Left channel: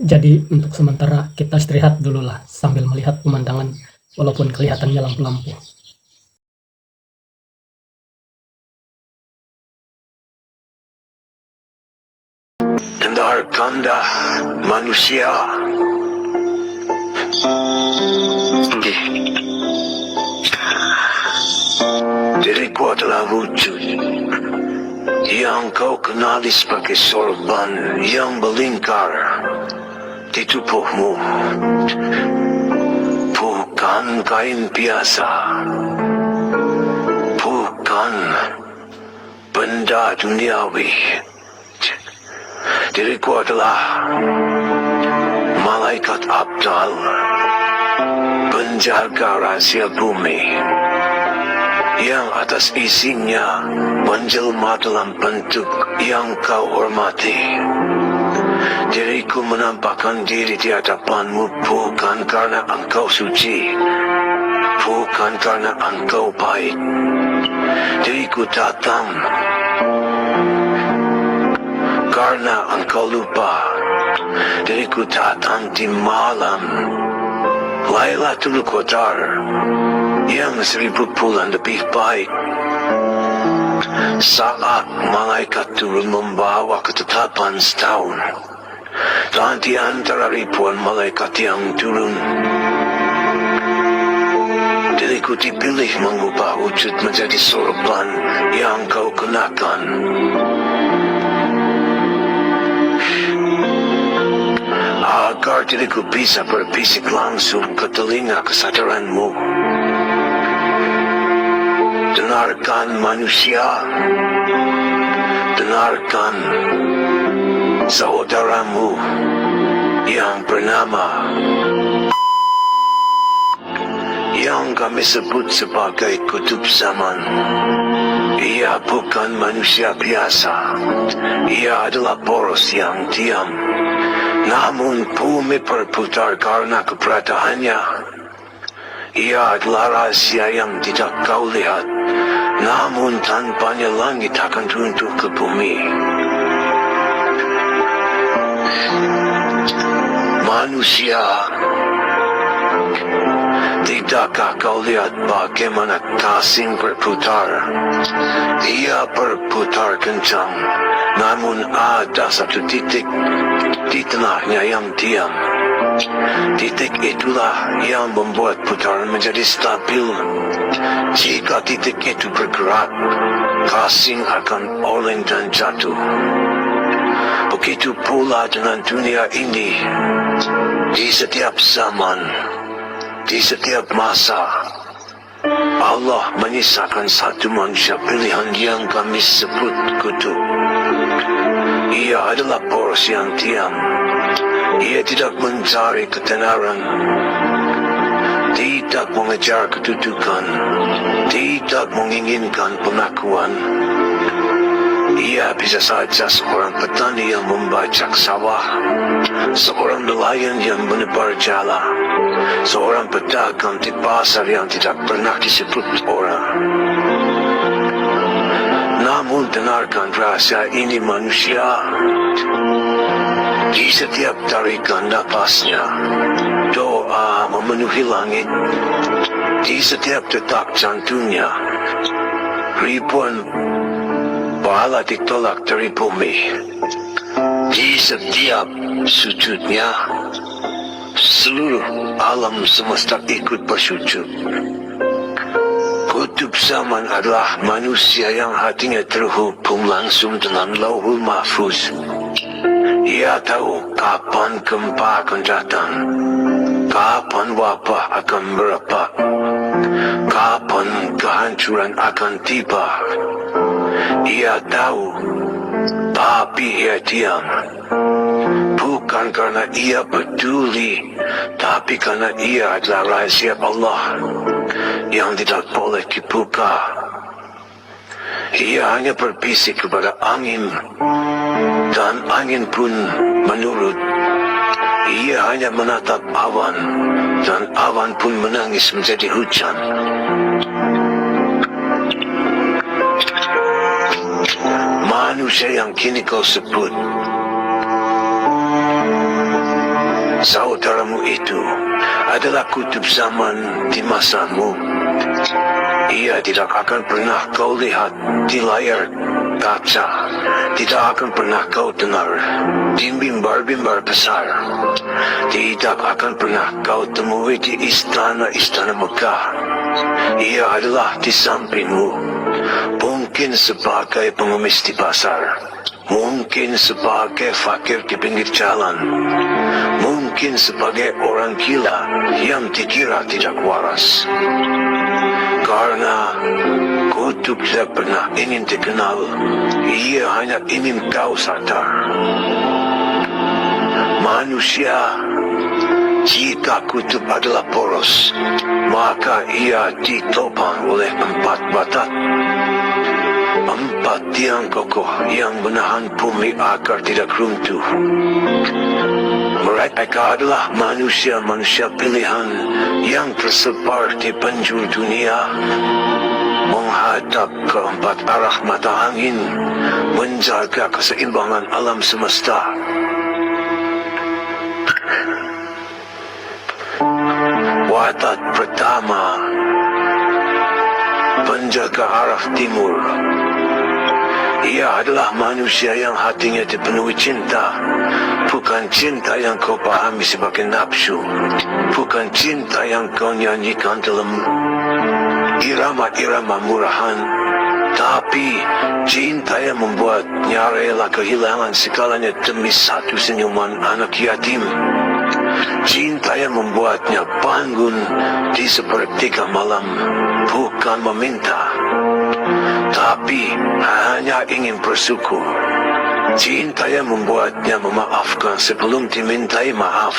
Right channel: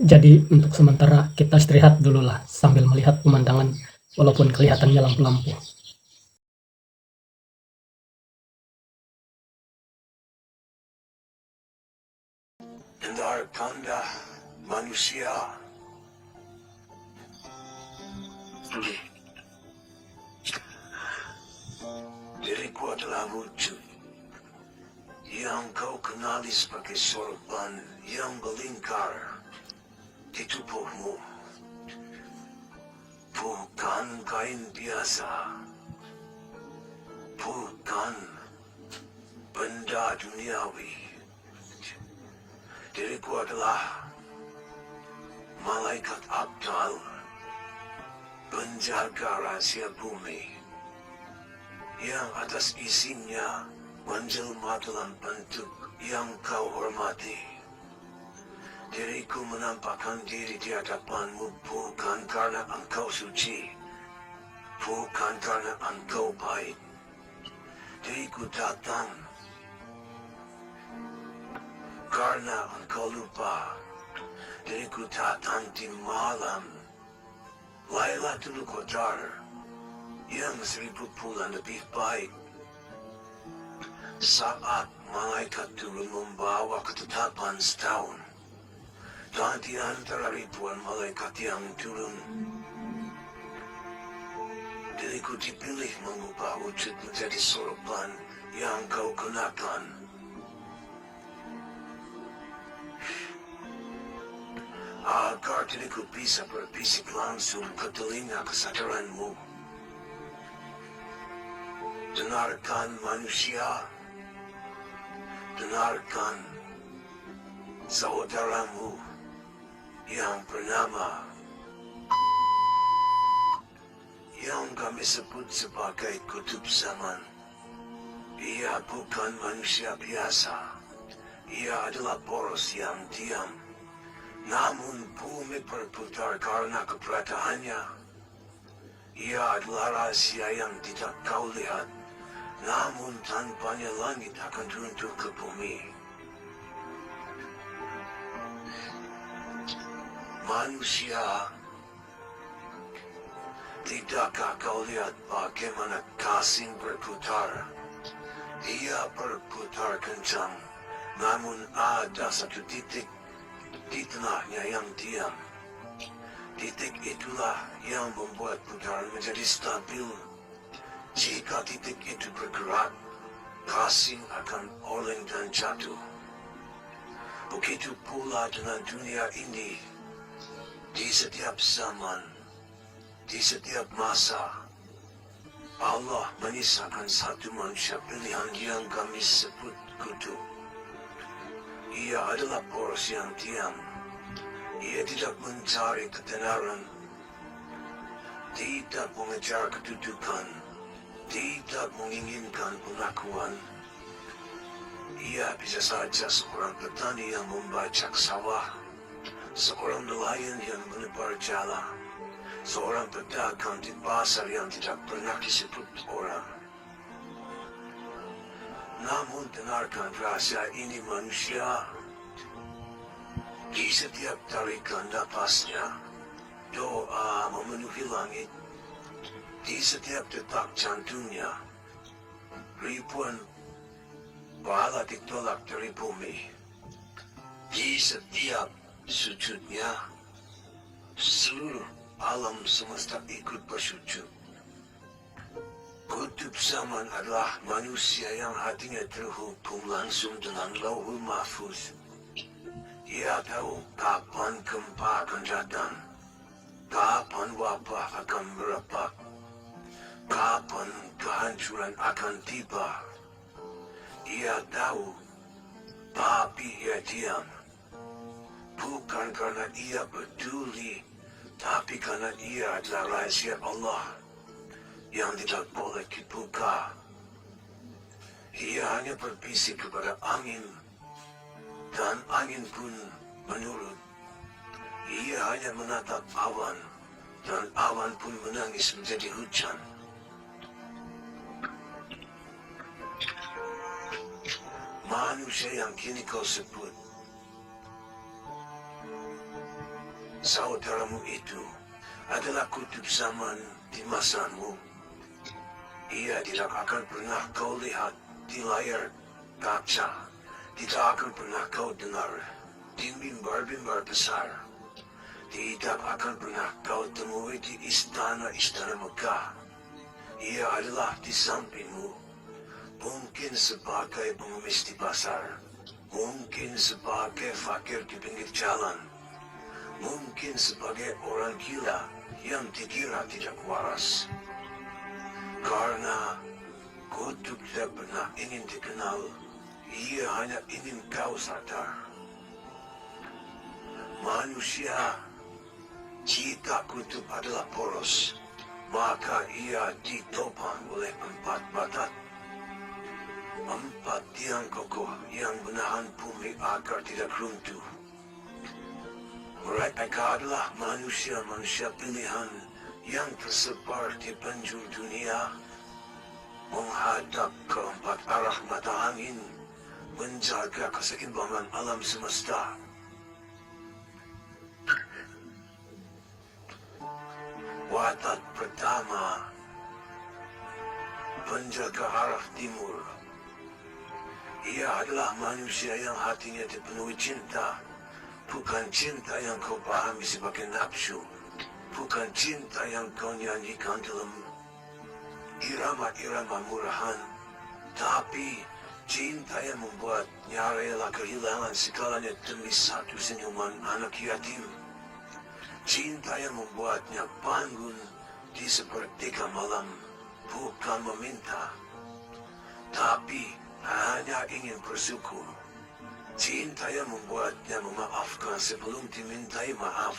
Jadi untuk sementara kita istirahat dulu lah sambil melihat pemandangan walaupun kelihatannya lampu-lampu. Dengarkanlah manusia. Diriku adalah wujud yang kau kenali sebagai sorban yang melingkar di tubuhmu. Bukan kain biasa, bukan benda duniawi. Diriku adalah malaikat Abdal, penjaga rahasia bumi, yang atas isinya menjelma dalam bentuk yang kau hormati. Diriku menampakkan diri di hadapanmu bukan karena engkau suci, bukan karena engkau baik. Diriku datang karena engkau lupa. Diriku datang di malam Lailatul Qadar yang 1000 bulan lebih baik, saat malaikat turun membawa ketetapan setahun. Dan di antara ribuan malaikat yang turun, diriku dipilih mengubah wujud menjadi sorban yang kau kenakan. Agar diriku bisa berbisik langsung ke telinga kesadaranmu. Dengarkan manusia, dengarkan saudaramu yang bernama, yang kami sebut sebagai kutub zaman. Ia bukan manusia biasa. Ia adalah poros yang diam, namun bumi berputar karena keberadaannya. Ia adalah rahasia yang tidak kau lihat, namun tanpanya langit akan runtuh ke bumi. Manusia, tidakkah kau lihat bagaimana kasing berputar? Ia berputar kencang, namun ada satu titik di tengahnya yang diam. Titik itulah yang membuat putaran menjadi stabil. Jika titik itu bergerak, kasing akan oleng dan jatuh. Begitu pula dengan dunia ini. Di setiap zaman, di setiap masa, Allah menyisakan satu manusia pilihan yang kami sebut kutub. Ia adalah poros yang diam. Ia tidak mencari ketenaran, tidak mengejar kedudukan, tidak menginginkan pengakuan. Ia bisa saja seorang petani yang membajak sawah, seorang nelayan yang menebar jala, seorang pedagang di pasar yang tidak pernah disebut orang. Namun dengarkan rahasia ini manusia. Di setiap tarikan napasnya, doa memenuhi langit. Di setiap detak jantungnya, ribuan pahala ditolak dari bumi. Di setiap sujudnya, seluruh alam semesta ikut bersujud. Kutub zaman adalah manusia yang hatinya terhubung langsung dengan Lauhul Mahfuz. Ia tahu kapan gempa akan datang, kapan wabah akan merebak, kapan kehancuran akan tiba. Ia tahu, tapi ia diam. Bukan karena ia peduli, tapi karena ia adalah rahasia Allah yang tidak boleh dibuka. Ia hanya berbisik kepada angin, dan angin pun menurut. Ia hanya menatap awan, dan awan pun menangis menjadi hujan. Manusia yang kini kau sebut Saudaramu itu adalah kutub zaman di masamu. Ia tidak akan pernah kau lihat di layar kaca. Tidak akan pernah kau dengar di mimbar-mimbar besar. Tidak akan pernah kau temui di istana-istana megah. Ia adalah di sampingmu. Mungkin sebagai pengemis di pasar. Mungkin sebagai fakir di pinggir jalan. Mungkin sebagai orang gila yang dikira tidak waras. Karena kutub tidak pernah ingin dikenal, ia hanya ingin kau sadar. Manusia, jika kutub adalah poros, maka ia ditopang oleh 4 batat. 4 tiang kokoh yang menahan bumi agar tidak runtuh. Mereka adalah manusia-manusia pilihan yang tersebar di penjuru dunia, menghadap ke 4 arah mata angin, menjaga keseimbangan alam semesta. Watak pertama, penjaga arah timur. Ia adalah manusia yang hatinya dipenuhi cinta. Bukan cinta yang kau pahami sebagai nafsu. Bukan cinta yang kau nyanyikan dalam irama-irama murahan. Tapi cinta yang membuatnya rela kehilangan segalanya demi satu senyuman anak yatim. Cinta yang membuatnya bangun di sepertiga malam. Bukan meminta, tapi hanya ingin bersyukur. Cinta yang membuatnya memaafkan sebelum dimintai maaf.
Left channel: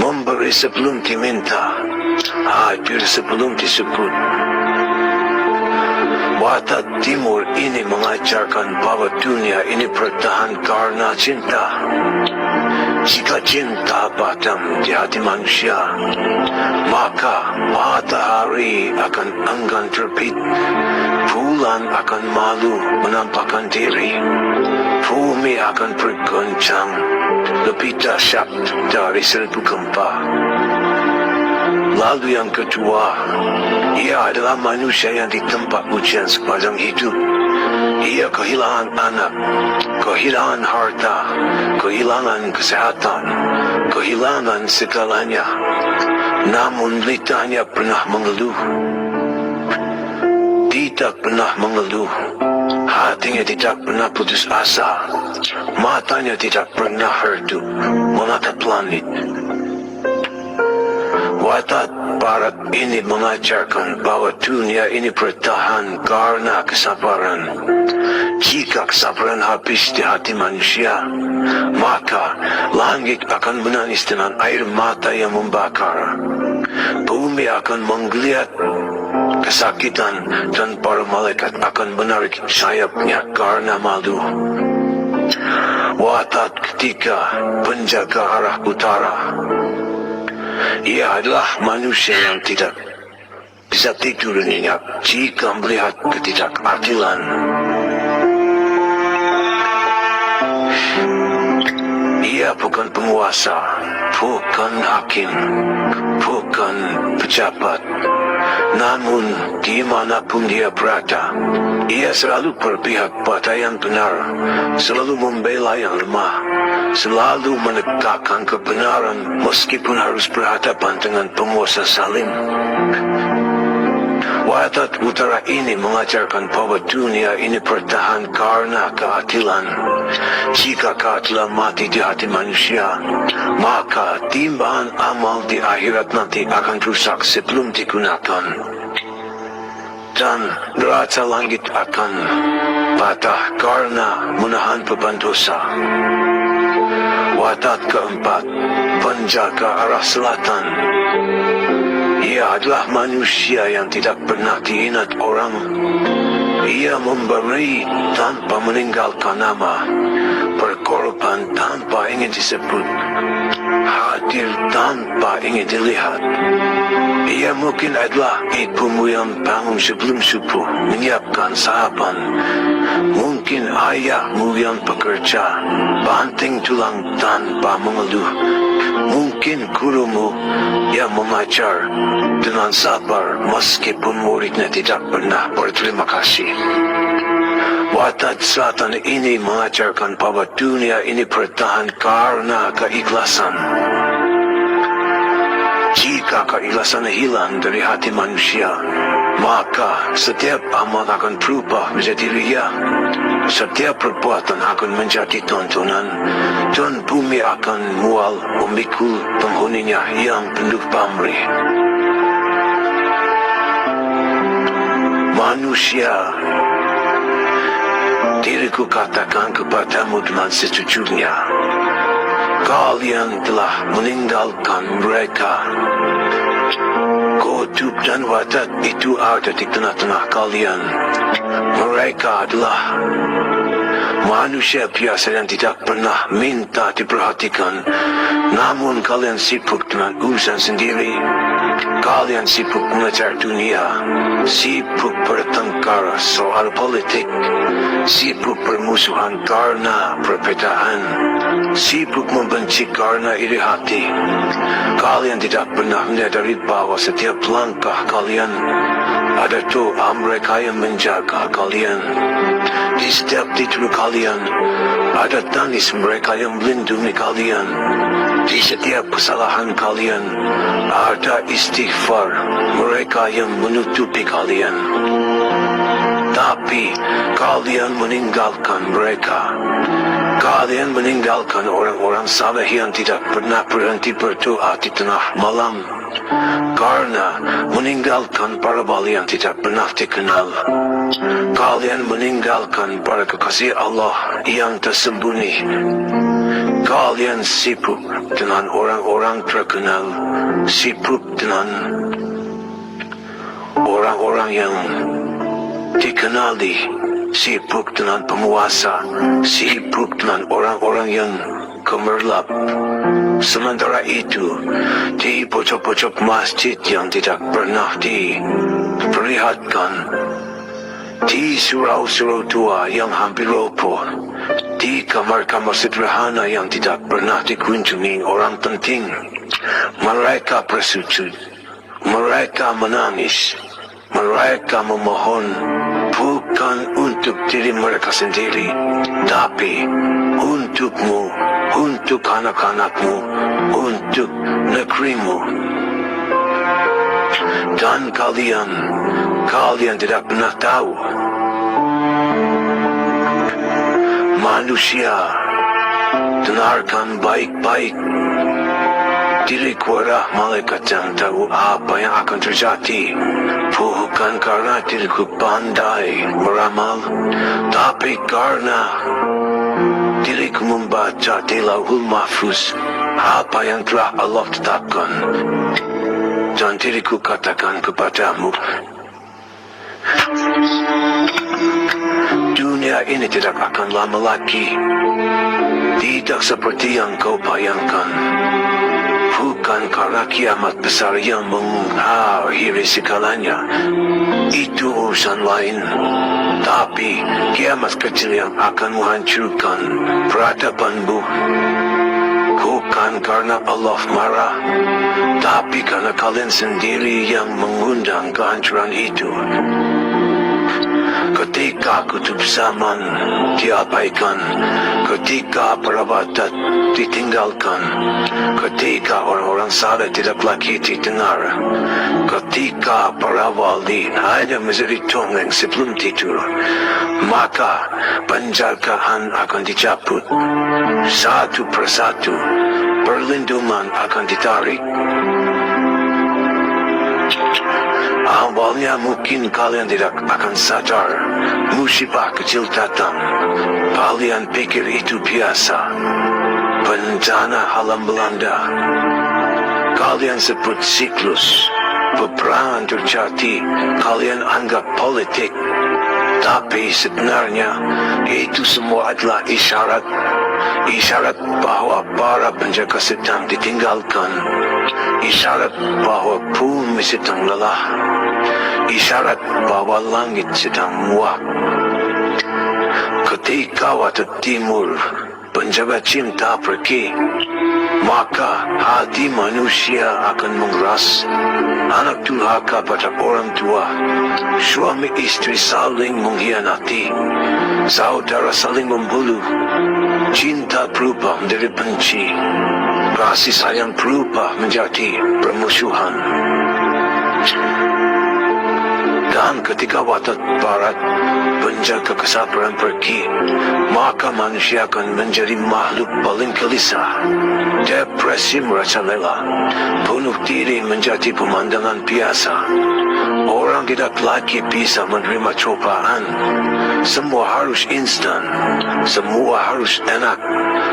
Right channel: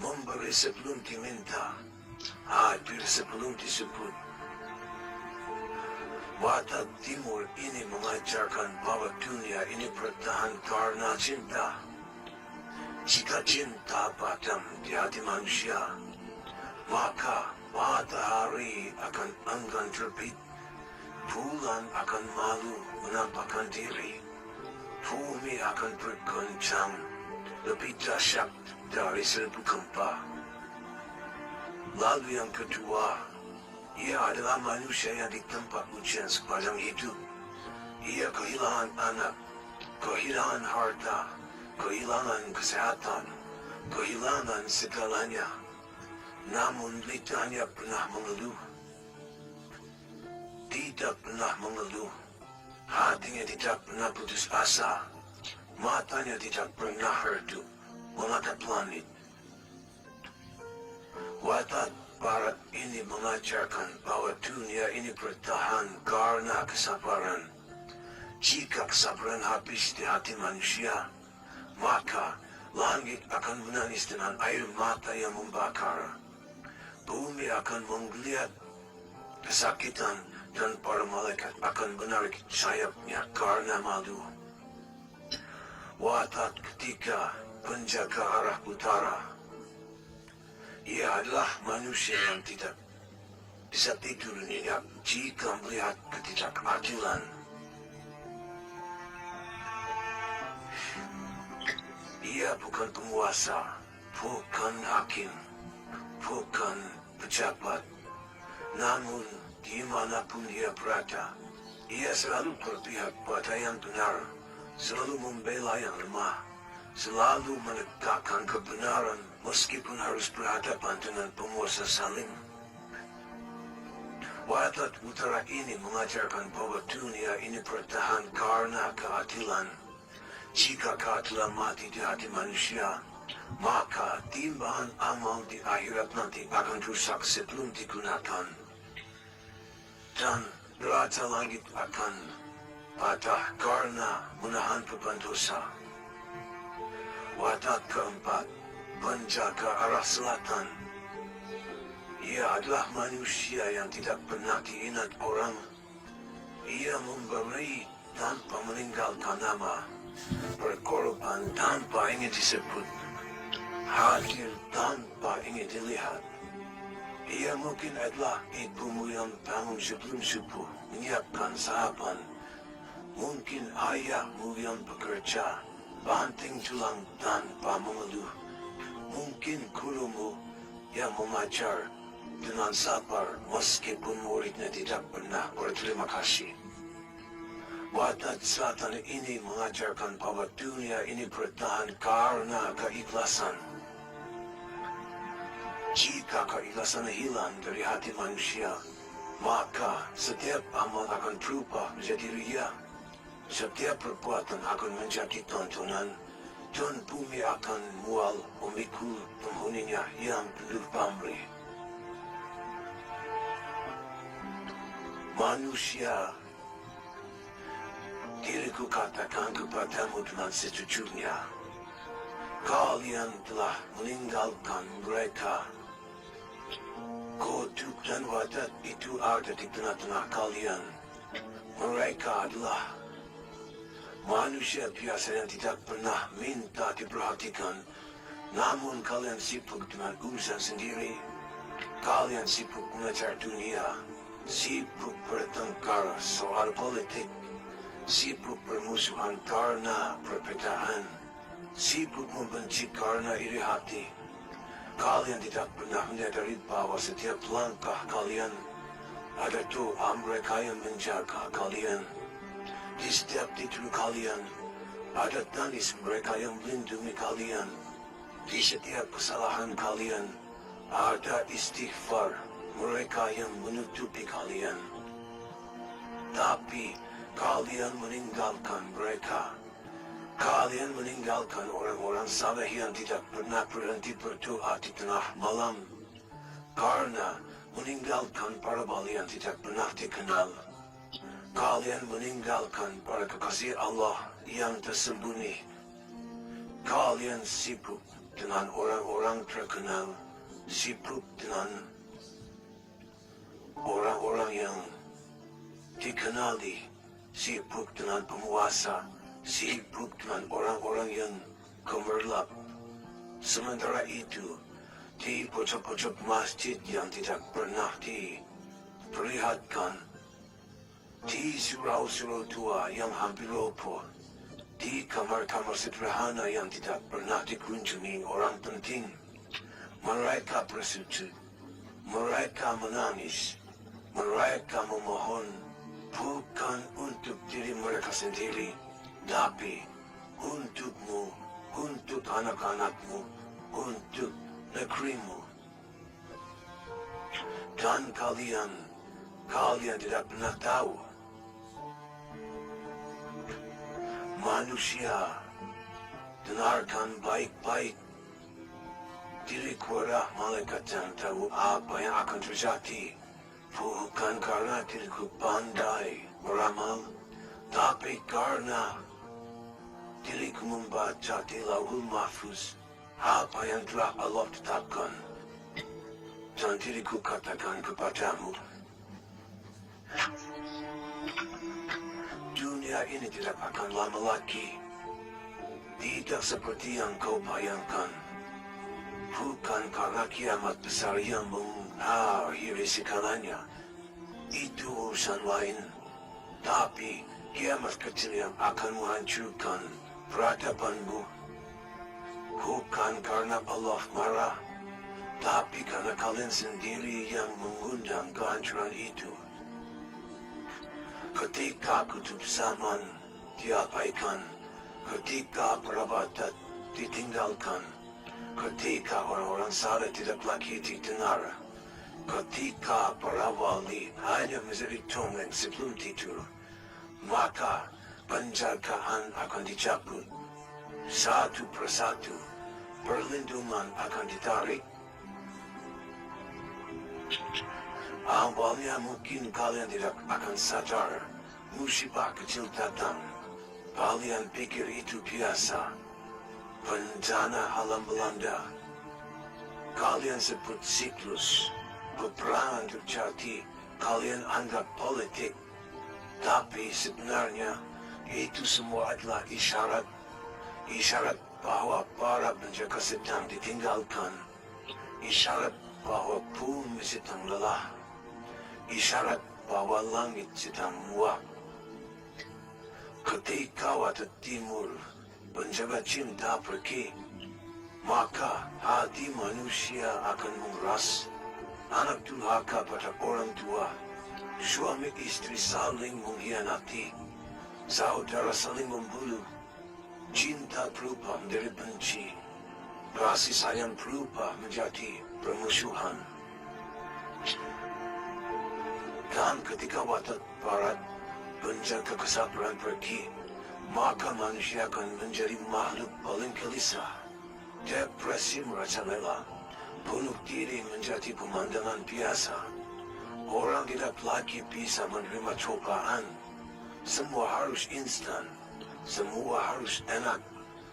Memberi sebelum diminta. Hadir sebelum disebut. Watak timur ini mengajarkan bahwa dunia ini bertahan karena cinta. Jika cinta padam di hati manusia, maka matahari akan enggan terbit, bulan akan malu menampakkan diri, bumi akan bergoncang lebih dahsyat dari 1000 gempa. Lalu yang kedua, ia adalah manusia yang ditempa ujian sepanjang hidup. Ia kehilangan anak, kehilangan harta, kehilangan kesehatan, kehilangan segalanya. Namun lidahnya pernah mengeluh. Tidak pernah mengeluh. Hatinya tidak pernah putus asa. Matanya tidak pernah redup menatap langit. Watak barat ini mengajarkan bahwa dunia ini bertahan karena kesabaran. Jika kesabaran habis di hati manusia, maka langit akan menangis dengan air mata yang membakar. Bumi akan menggeliat kesakitan dan para malaikat akan menarik sayapnya karena malu. Watak ketiga, penjaga arah utara. Ia adalah manusia yang tidak bisa tidur nyenyak jika melihat ketidakadilan. Ia bukan penguasa, bukan hakim, bukan pejabat. Namun, dimanapun dia berada, ia selalu berpihak pada yang benar, selalu membela yang lemah, selalu menegakkan kebenaran meskipun harus berhadapan dengan penguasa zalim. Watak utara ini mengajarkan bahwa dunia ini bertahan karena keadilan. Jika keadilan mati di hati manusia, maka timbangan amal di akhirat nanti akan rusak sebelum digunakan. Dan neraca langit akan patah karena menahan beban dosa. Watak keempat, penjaga arah selatan. Ia adalah manusia yang tidak pernah diingat orang. Ia memberi tanpa meninggalkan nama, berkorban tanpa ingin disebut, hadir tanpa ingin dilihat. Ia mungkin adalah ibumu yang bangun sebelum subuh, menyiapkan sarapan, Mungkin ayah mo yang pekerja, banting tulang tanpa mengeluh. Mungkin guru mo yang mengajar dengan sabar meskipun muridnya tidak pernah berterima kasih. Watak selatan ini mengajarkan bahwa dunia ini bertahan karena keikhlasan. Jika keikhlasan hilang dari hati manusia, maka setiap amal akan berubah menjadi ria. Setiap perbuatan akan menjadi tontonan, dan bumi akan mual memikul penghuninya yang penuh pamrih. Manusia, diriku katakan kepadamu dengan sejujurnya, kalian telah meninggalkan mereka. Kutub dan watak itu ada di tengah-tengah kalian. Mereka adalah manusia biasa yang tidak pernah minta diperhatikan. Namun kalian sibuk dengan urusan sendiri. Kalian sibuk mengejar dunia, sibuk bertengkar soal politik, sibuk bermusuhan karena perbedaan, sibuk membenci karena iri hati. Kalian tidak pernah menyadari bahwa setiap langkah kalian ada doa mereka yang menjaga kalian. Di setiap tidur kalian ada tangis mereka yang melindungi kalian. Di setiap kesalahan kalian ada istighfar mereka yang menutupi kalian. Tapi kalian meninggalkan mereka. Kalian meninggalkan orang-orang saleh yang tidak pernah berhenti berdoa di tengah malam, karena meninggalkan para wali yang tidak pernah dikenal. Kalian meninggalkan para kekasih Allah yang tersembunyi. Kalian sibuk dengan orang-orang terkenal, sibuk dengan orang-orang yang dikenali, sibuk dengan penguasa, sibuk dengan orang-orang yang gemerlap. Sementara itu, di pojok-pojok masjid yang tidak pernah diperlihatkan, di surau-surau tua yang hampir roboh, di kamar-kamar sederhana yang tidak pernah dikunjungi orang penting, mereka bersujud, mereka menangis, mereka memohon, bukan untuk diri mereka sendiri, tapi untukmu, untuk anak-anakmu, untuk negerimu. Dan kalian tidak pernah tahu. Manusia, dengarkan baik-baik. Diriku adalah malaikat yang tahu apa yang akan terjadi. Bukan karena diriku pandai meramal, tapi karena diriku membaca di Lauhul Mahfuz apa yang telah Allah tetapkan. Dan diriku katakan kepadamu, dunia ini tidak akan lama lagi. Tidak seperti yang kau bayangkan. Bukan karena kiamat besar yang mengakhiri segalanya. Itu urusan lain. Tapi kiamat kecil yang akan menghancurkan peradabanmu. Bukan karena Allah marah, tapi karena kalian sendiri yang mengundang kehancuran itu. Ketika kutub zaman diabaikan, ketika perabot ditinggalkan, ketika orang-orang saleh tidak lagi didengar, ketika para wali hanya menjadi dongeng sebelum tidur, maka penjagaan akan dicabut. Satu persatu, perlindungan akan ditarik. Awalnya mungkin kalian tidak akan sadar, musibah kecil datang. Kalian pikir itu biasa. Bencana alam melanda. Kalian sebut siklus. Peperangan terjadi. Kalian anggap politik. Tapi sebenarnya itu semua adalah isyarat. Isyarat bahwa para penjaga sedang ditinggalkan. Isyarat bahwa bumi sedang lelah. Isyarat bahwa langit sedang muak. Ketika waktu timur penjaga cinta pergi, maka hati manusia akan mengeras. Anak durhaka pada orang tua, suami istri saling mengkhianati, saudara saling membunuh, cinta berubah menjadi benci, kasih sayang berubah menjadi permusuhan. Dan ketika watak barat penjaga kesabaran pergi, maka manusia akan menjadi makhluk paling gelisah, depresi merajalela, bunuh diri menjadi pemandangan biasa. Orang tidak lagi bisa menerima cobaan. Semua harus instan, semua harus enak,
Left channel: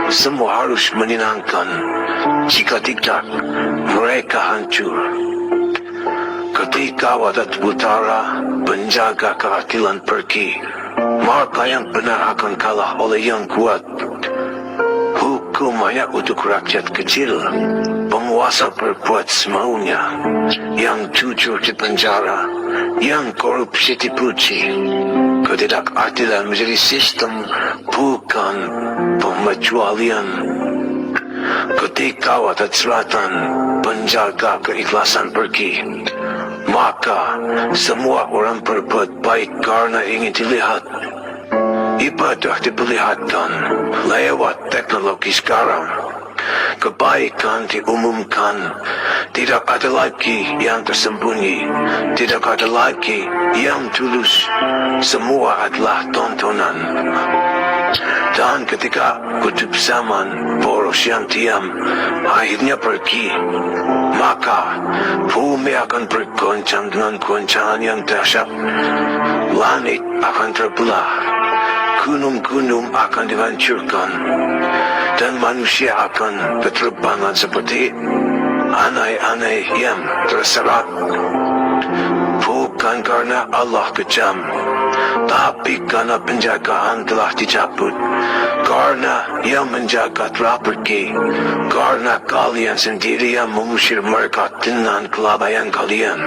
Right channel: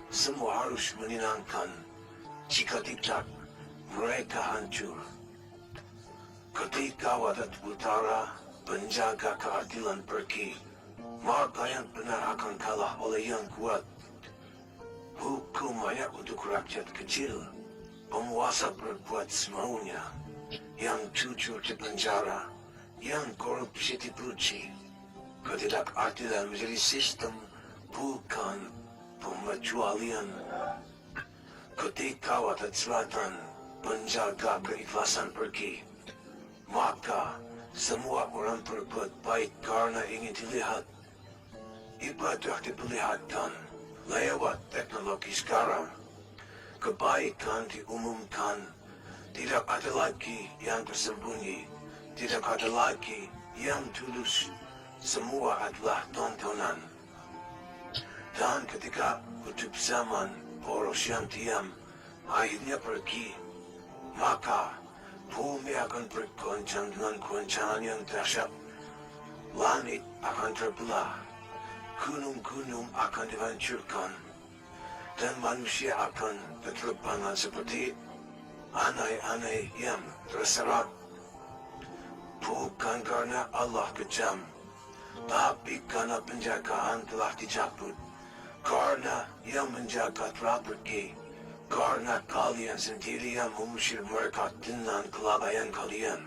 semua harus menyenangkan. Jika tidak, mereka hancur. Ketika watak utara penjaga keadilan pergi, maka yang benar akan kalah oleh yang kuat. Hukum hanya untuk rakyat kecil. Penguasa berbuat semaunya. Yang jujur dipenjara, yang korupsi dipuji. Ketidakadilan menjadi sistem, bukan pengecualian. Ketika watak selatan penjaga keikhlasan pergi, maka semua orang berbuat baik karena ingin dilihat. Ibadah diperlihatkan lewat teknologi sekarang. Kebaikan diumumkan. Tidak ada lagi yang tersembunyi. Tidak ada lagi yang tulus. Semua adalah tontonan. Dan ketika kutub zaman poros yang diam akhirnya pergi, maka bumi akan bergoncang dengan goncangan yang dahsyat. Langit akan terbelah, gunung-gunung akan dihancurkan, dan manusia akan berterbangan seperti anai-anai yang terserat. Bukan karena Allah kejam, tapi karena penjagaan telah dicabut. Karena yang menjaga telah pergi. Karena kalian sendiri yang mengusir mereka dengan kelalaian kalian.